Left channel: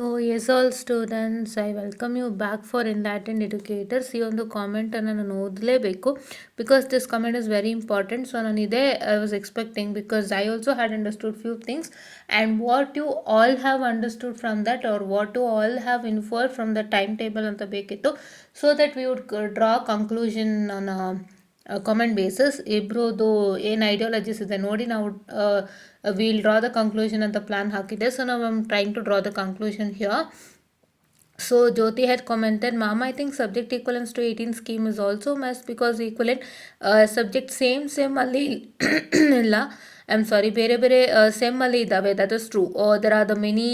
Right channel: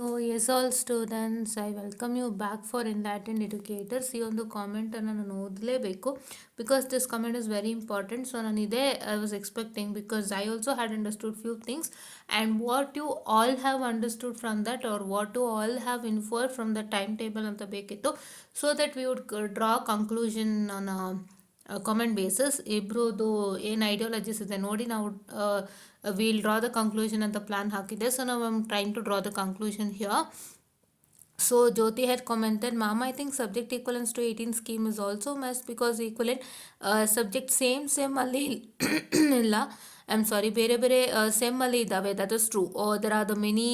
So yes, all students, I welcome you back for Enlightened Educators. ಈ ಒಂದು ಕಾಮೆಂಟನ್ನು ನಾನು ಓದಲೇಬೇಕು because this comment is very important. So ನಾನು ಇದೇ I was expecting because I also had understood few things and what you all have understood from that or what you all have inferred from the timetable ಅಂತ ಬೇಕಿತ್ತು so that we would draw conclusion on a comment bases ಇಬ್ರದ್ದು ಏನು ideologies ಇದೆ ನೋಡಿ ನಾವು will draw the conclusion ಅಂತ plan ಹಾಕಿದೆ. So ನಾವು I'm trying to draw the conclusion here. So Jyoti had commented, Ma'am, I think subject equivalence to 18 scheme is also must because equivalent subject same ಅಲ್ಲಿ ಇಲ್ಲ. I am sorry, ಬೇರೆ ಬೇರೆ sem ಅಲ್ಲಿ ಇದ್ದಾವೆ. That is true. There are the many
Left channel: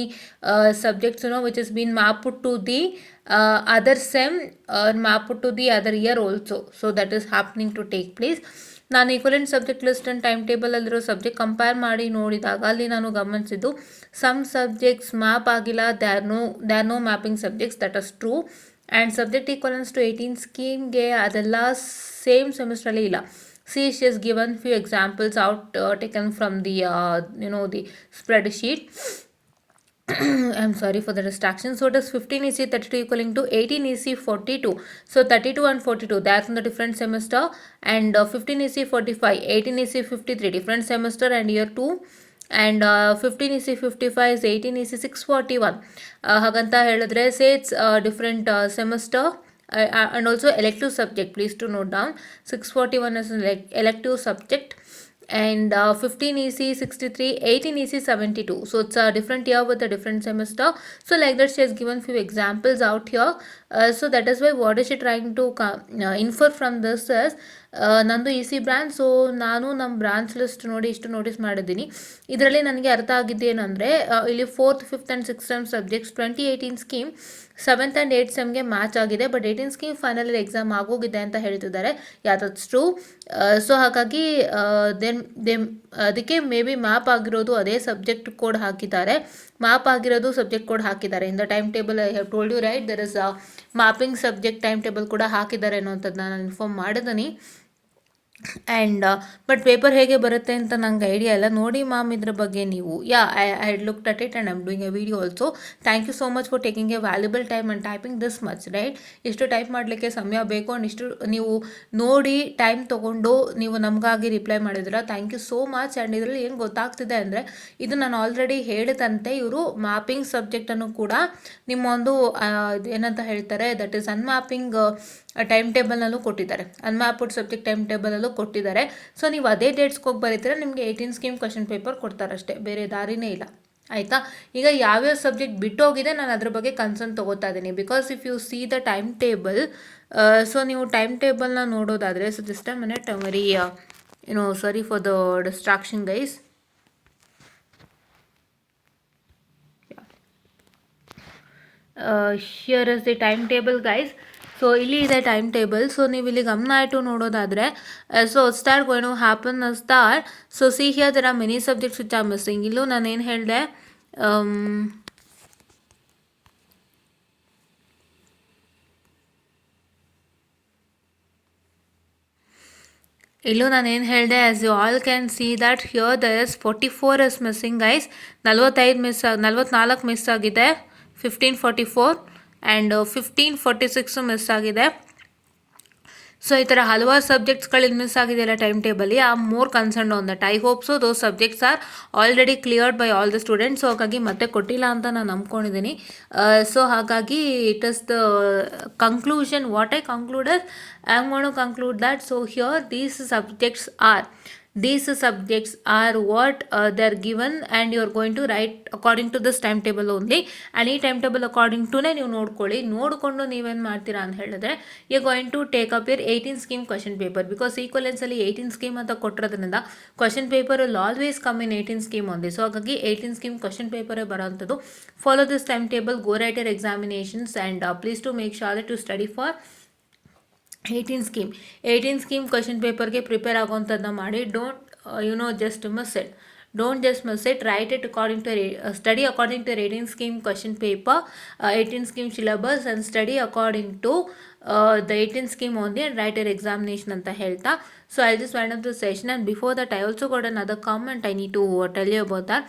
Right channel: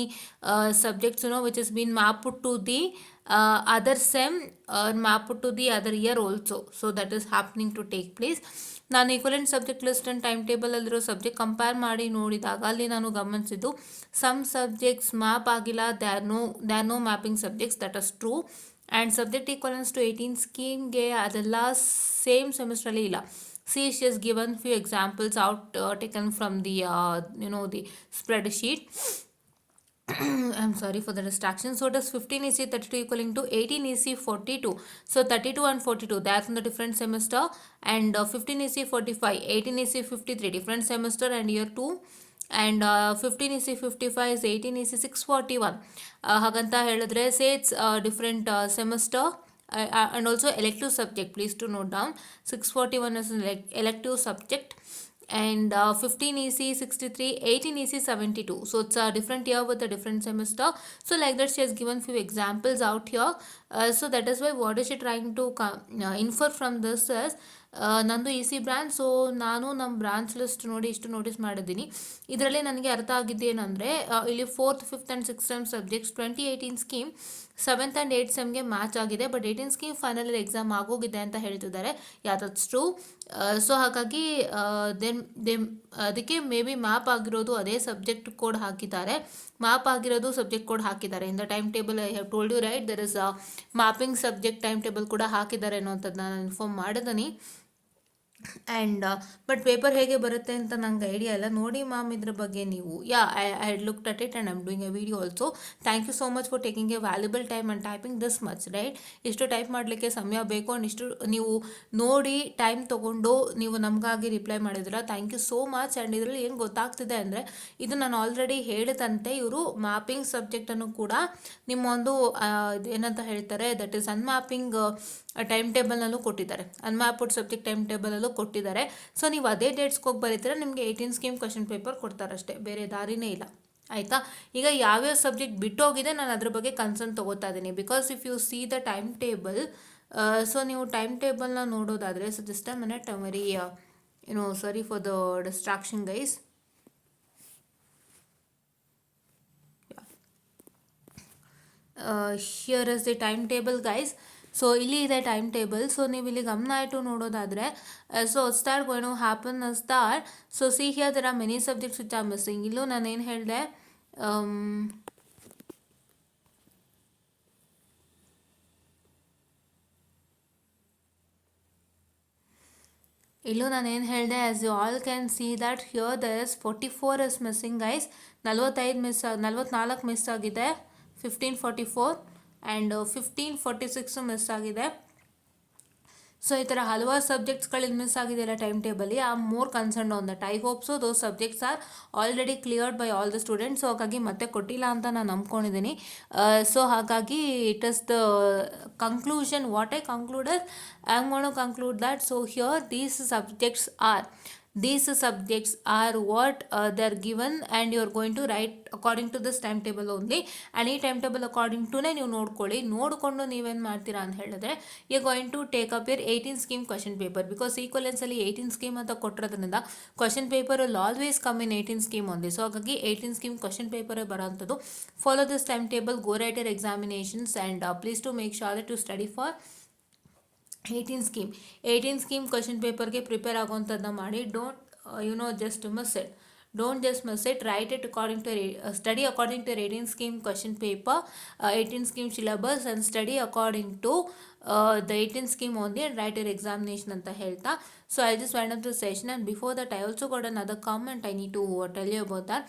subjects which is been mapped to the other sem mapped to the other year also. So that is happening to take place. ನಾನು equivalent subject list and time ಟೇಬಲಲ್ಲಿರೋ subject compare ಮಾಡಿ ನೋಡಿದಾಗ ಅಲ್ಲಿ ನಾನು ಗಮನಿಸಿದ್ದು some subjects map ಆಗಿಲ್ಲ, they are no mapping subjects. That is true. And subject equivalence to 18 ಸ್ಕೀಮ್ಗೆ ಅದೆಲ್ಲ ಸೇಮ್ ಸೆಮಿಸ್ಟ್ರಲ್ಲಿ ಇಲ್ಲ. See, she has given few examples out taken from the the spreadsheet. I'm sorry for the distraction. So it is 15 EC 32 equaling to 18 EC 42. So 32 and 42, that's in the different semester. And 15 EC 45, 18 EC 53, different semester and year 2. And 15 EC 55 is 18 EC 641. ಹಾಗಂತ ಹೇಳಿದ್ರೆ say it's different semester. And also elective subject, please to note down 641 is an elective subject. And 15 EC 63, 18 EC 72. So it's a different year with a different semester. So like that she has given few examples out here. So that is why what is she trying to infer from this is ನಂದು E C branch. So ನಾನು ನಮ್ಮ branch list ನೋಡಿ ಇಷ್ಟು ನೋಟಿಸ್ ಮಾಡಿದ್ದೀನಿ. ಇದರಲ್ಲಿ ನನಗೆ ಅರ್ಥ ಆಗಿದ್ದೇನೆಂದರೆ ಇಲ್ಲಿ 4th 5th and 6th sem subjects 2018 scheme 7th and 8th ಸೆಮ್ಗೆ ಮ್ಯಾಚ್ ಆಗಿದೆ. ಬಟ್ 18 ಸ್ಕೀಮ್ ಫೈನಲ್ ಎಕ್ಸಾಮ್ ಆಗೋಗಿದೆ ಅಂತ ಹೇಳ್ತಿದ್ದಾರೆ. That's true. ಸೊ ಹಾಗಾಗಿ ಅದಕ್ಕೆ ಮೇ ಬಿ ಮ್ಯಾಪ್ ಆಗಿರೋದು ಅದೇ ಸಬ್ಜೆಕ್ಟ್ ಕೋಡ್ ಹಾಕಿದ್ದಾರೆ. ಮ್ಯಾಪ್ ಆಗಿರೋದು ಸಬ್ಜೆಕ್ಟ್ ಕೋಡ್ ಹಾಕಿದ್ದಾರೆ. In the time table I have told you right there is mapping subject time table ಕೂಡ ಹಾಕಿದ್ದಾರೆ ಅನ್ನೋಂಥದ್ದು ನಾನು ಇನ್ಫಾರ್ಮ್ ಮಾಡಿದ್ದೀನಿ. ಆ್ಯಂಡ್ ಬಟ್ ಪೇಪರ್ ಹೇಗೆ ಬರುತ್ತೆ ಅಂತ ನಂಗೆ ಐಡಿಯಾ ಇಲ್ಲ. ನೋಡಿ ಮ್ಯಾಮ್ ಇದ್ರ ಬಗ್ಗೆ ನೀವು I looked at it and I'm doing a video also. Thank you so much for taking a valuable time and typing this much right. ಇಷ್ಟು ಟೈಪ್ ಮಾಡಲಿಕ್ಕೆ ಸಮಯ ಬೇಕು ಆ್ಯಂಡ್ ಇಷ್ಟು ನೀವು ನೋಡಿ ಟೈಮ್ ತೊಗೊಂಡು ನೀವು ನಮಗಾಗಿ ರಿಪ್ಲೈ ಮಾಡಿದ್ರೆ thank you so much. And ಇದರಲ್ಲಿ ಏನು ಗೊತ್ತಾಗ್ತಿದೆ ಅಂದರೆ ಇದು ನಾನು ಆಲ್ರೆಡಿ ಹೇಳಿದಂತೆ ಇವರು ಮ್ಯಾಪಿಂಗ್ ಸಬ್ಜೆಕ್ಟನ್ನು ಕೂಡ ನಿಮ್ಮ ಒಂದು ಏನಂತ ಹೇಳ್ತಾರೆ ದಟ್ ಈಸ್ ಅನ್ಮ್ಯಾಪಿಂಗ್ ಟೈಮ್ ಟೇಬಲ್ನಲ್ಲೂ ಕೊಟ್ಟಿದ್ದಾರೆ. ಅನ್ಮ್ಯಾಪ್ಡ್ ಸಬ್ಜೆಕ್ಟ್ ಟೈಮ್ ಟೇಬಲಲ್ಲೂ ಕೊಟ್ಟಿದ್ದಾರೆ. ಸೊ ನೀವು ಅದೇ ಡೇಟ್ಸ್ಗೆ ಹೋಗಿ ಬರೀತೀರ ನಿಮಗೆ 18 ಸ್ಕೀಮ್ ಕ್ವಶನ್ ಪೇಪರ್ ಕೊಡ್ತಾರಷ್ಟೇ, ಬೇರೆ ದಾರಿನೇ ಇಲ್ಲ. ಆಯಿತಾ? ಈಗ ಯಾವ್ಯಾವ ಸಬ್ಜೆಕ್ಟ್ ಬಿಟ್ಟೋಗಿದೆ ನಾನು ಅದ್ರ ಬಗ್ಗೆ ಕನ್ಸರ್ನ್ ತೊಗೋತಾ ಇದ್ದೀನಿ. Because if U C the time table, so ನೀವು ಟೈಮ್ ಟೇಬಲ್ನ ನೋಡೋದಾದರೆ so just a minute very sorry for the distraction guys. Here is the time table guys. So ಇಲ್ಲಿ ಇದೆ ಟೈಮ್ ಟೇಬಲ್. ಸೊ ನೀವು ಇಲ್ಲಿ ಗಮನ ಇಟ್ಟು ನೋಡೋದಾದರೆ so start going to happen start. So see here there are many subjects which are missing. ಇಲ್ಲೂ ನಾನೇನು ಹೇಳಿದೆ, as you all can see that here there is 44 is missing guys. 44 miss ಆಗಿದೆ. 1544 ಆ್ಯಂಡ್ 1546 ಮಿಸ್ ಆಗಿದೆ. ಸೊ ಈ ಥರ ಹಲವಾರು ಸಬ್ಜೆಕ್ಟ್ಸ್ಗಳು ಮಿಸ್ ಆಗಿದೆಯಲ್ಲ ಟೈಮ್ ಟೇಬಲ್ಲಿ. I am more concerned on that. I hope so those subjects are already cleared by all the students. So ಹಾಗಾಗಿ ಮತ್ತೆ ಕೊಟ್ಟಿಲ್ಲ ಅಂತ ನಾನು ನಂಬ್ಕೊಂಡಿದ್ದೀನಿ. ಸೊ ಹಾಗಾಗಿ it is the conclusion what I concluded. I am gone to conclude that so here these subjects are what they are given and you are going to write according to this timetable only. and ಈ time table according ಟುನೇ ನೀವು ನೋಡಿಕೊಂಡು ನೀವೇನು ಮಾಡ್ತೀರಾ ಅಂತ ಹೇಳಿದ್ರೆ you going to take up your 18 scheme question paper. Because ಈಕ್ವಲೆನ್ಸಲ್ಲಿ 18 scheme ಅಂತ ಕೊಟ್ಟಿರೋದ್ರಿಂದ question paper will always come in 18 scheme ಒಂದೇ. ಸೊ ಹಾಗಾಗಿ 18 ಸ್ಕೀಮ್ ಕ್ವಶನ್ ಪೇಪರೇ ಬರೋಂಥದ್ದು. Follow this time table, go write your examinations and please to make sure that you study for 18 scheme question ಪೇಪರ್ಗೆ prepare ಆಗೋವಂಥದ್ದನ್ನ ಮಾಡಿ. Don't just miss it. Write it according to study according to 18 scheme question paper, 18 scheme syllabus and study according to the 18 scheme only and write your examination ಅಂತ ಹೇಳ್ತಾ. So I just wind up the session and before that I also got another comment I need to tell you about that.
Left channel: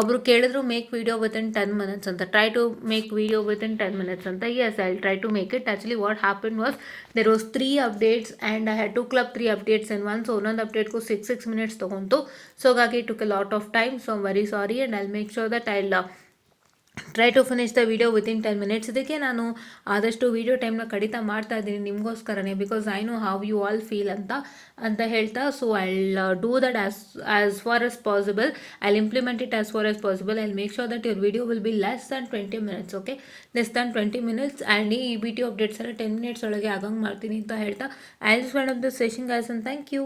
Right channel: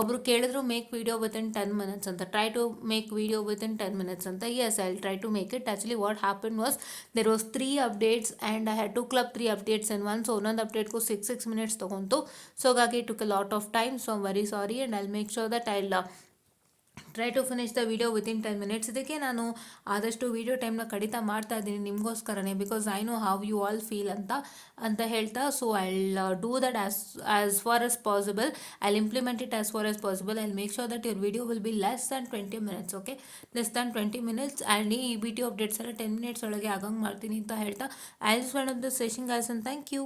ಒಬ್ರು ಕೇಳಿದ್ರು make video within 10 minutes ಅಂತ, try to make video within 10 minutes ಅಂತ. Yes, I try to make it. Actually what happen was there was 3 updates and I had to club 3 updates in one. So ಒಂದೊಂದು ಅಪ್ಡೇಟ್ಗೂ 6 minutes ತೊಗೊಂತು. So ಹಾಗಾಗಿ it took a lot of time. So I'm very sorry and I'll make sure that I'll try to finish the video within 10 minutes. ಇದಕ್ಕೆ ನಾನು ಆದಷ್ಟು ವಿಡಿಯೋ ಟೈಮ್ನ ಕಡಿತ ಮಾಡ್ತಾ ಇದ್ದೀನಿ ನಿಮಗೋಸ್ಕರನೇ, because I know how you all feel ಅಂತ ಹೇಳ್ತಾ. So I'll do that as far as possible. I'll implement it as far as possible. I'll make sure that your video will be less than 20 minutes. Okay, less than 20 minutes. And ಈ video updates ಎಲ್ಲ 10 minutes ಒಳಗೆ ಆಗಂಗೆ ಮಾಡ್ತೀನಿ ಅಂತ ಹೇಳ್ತಾ I just wind up this session guys, and thank you.